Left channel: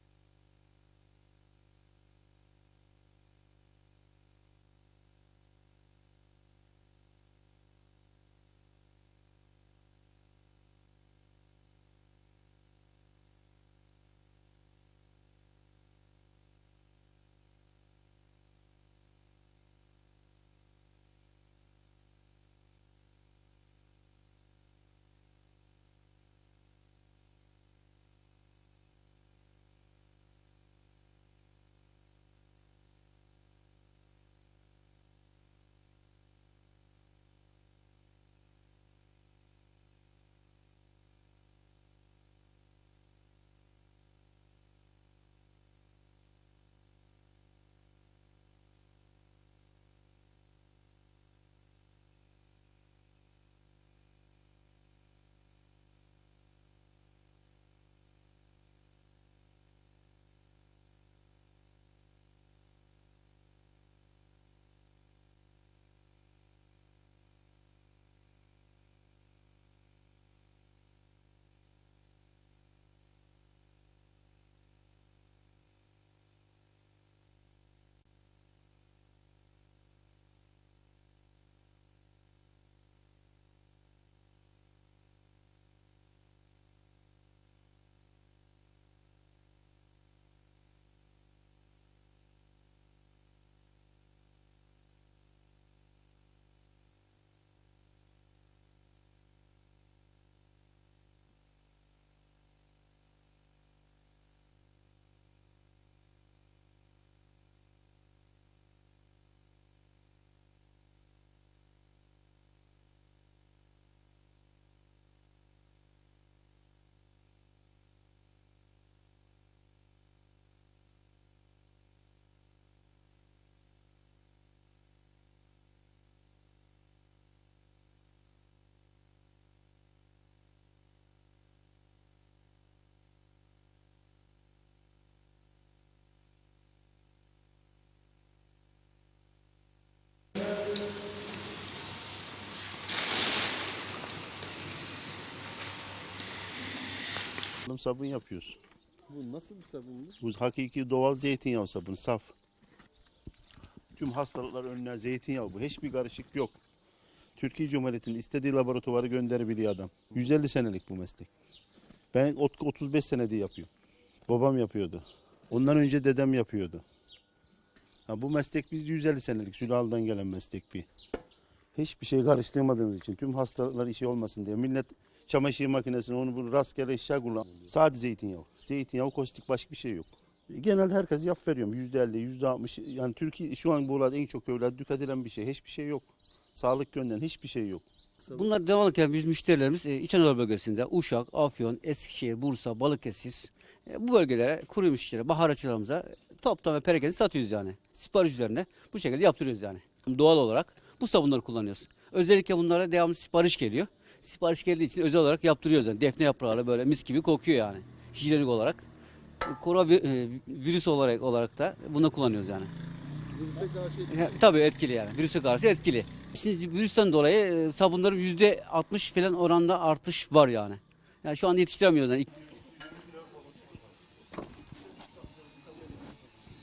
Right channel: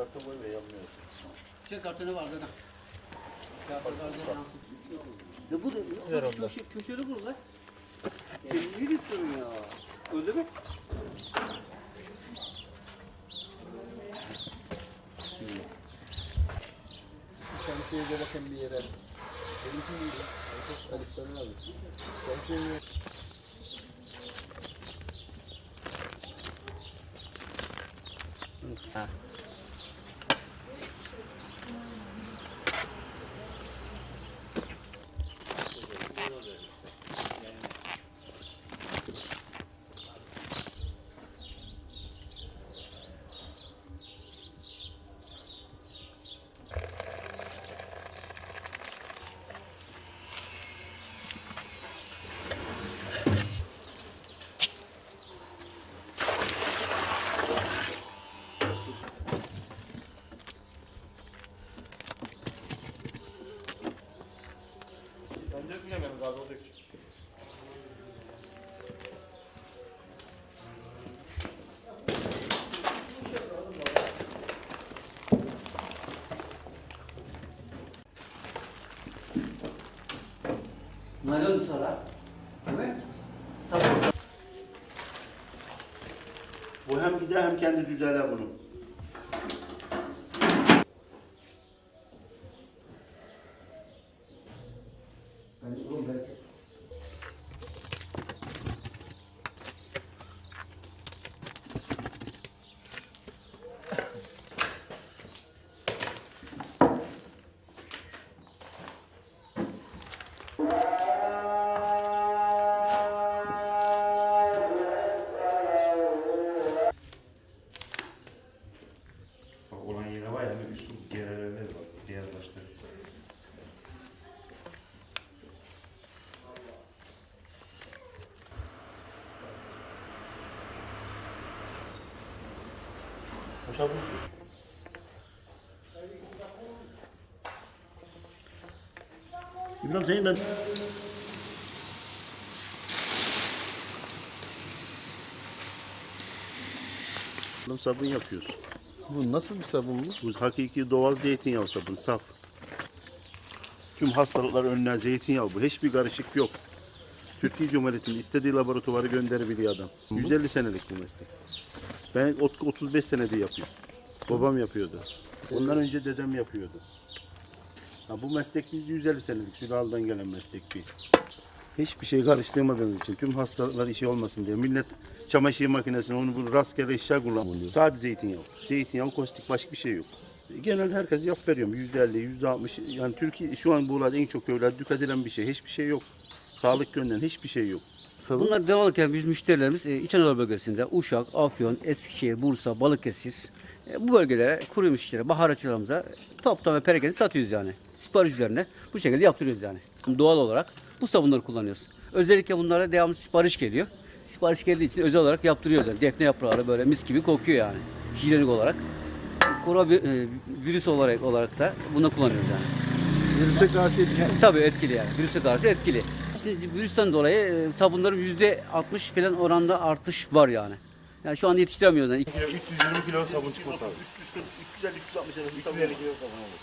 Karta boy ve yanmıyor. Şey kartını var zaten. Kağıtlar zaten yansıtıyor. Ya bu da Ver ya, onu köşe, köşeli bu lan. Ne diyorsun ya? Öyle mi? Şemsiyeye bakın bir yere. Benimki miydi? Alistan abi. Şemsiye Ha. Abi o dökecek. Sonra. Evet. Sabun. Bu hem gider hem kendi düzeler bunu. Bozuyor. İbrahim senin de... Sabun yapıyoruz. Bu nasıl bir sabun bu? Bu hakiki doğal zeytinyağı sabun, saf. Tüm hastalıklar önüne zeytinyağı bu. Hiçbir karışık yok. Türkiye Cumhuriyeti'nin istediği laboratuvara gönderebiliyor adam. 150 senelik bu meslek. Ben ot- 35 senede yapıyorum. Babam yapıyordu. Ondan önce dedem yapıyordu. Ha, bu meslek biz 150 senelik sülalden gelen meslek bir. Hiçbir şey karıştırmadığımız için tüm hastalıklar işi olmasın diye millet çamaşır makinesini onu bunu rastgele eşya kullanıyor. Sadece zeytinyağı. Zeytinyağı, kostik başka bir şey yok. Genelde herkes yap veriyorum. Yüzde elli, yüzde altmış. Yani Türkiye şu an bu olayda en çok öyle dikkat edilen bir şey. Hiçbir şey yok. Sağlık yönden hiçbir şey yok. Sabun Bunlar devam ederken biz müşterilerimiz e, İç Anadolu bölgesinde Uşak, Afyon, Eskişehir, Bursa, Balıkesir e, bu bölgelere kuru müşteri, baharatçılarımıza toptan ve perakende satıyoruz yani. Sipariş üzerine bu şekilde yaptırıyoruz yani. Doğal olarak bu sabunları kullanıyoruz. Özellikle bunlara devamlı sipariş geliyor. Sipariş geldiği için özel olarak yaptırıyoruz. Yani. Defne yaprağı böyle mis gibi kokuyor yani. Hijyenik olarak. Koronavirüs olarak, olarak da bunu kullanıyoruz yani. Virüse karşı etkili. Tabii etkili yani. Virüse karşı etkili. İşte virüsten dolayı e, sabunların yüzde 60 falan oranda artış var yani. Yani şu an yetiştiremiyoruz. Yani. Kilo 320 kilo sabun çıkması lazım. 350, 360 350 kilo sabun olur.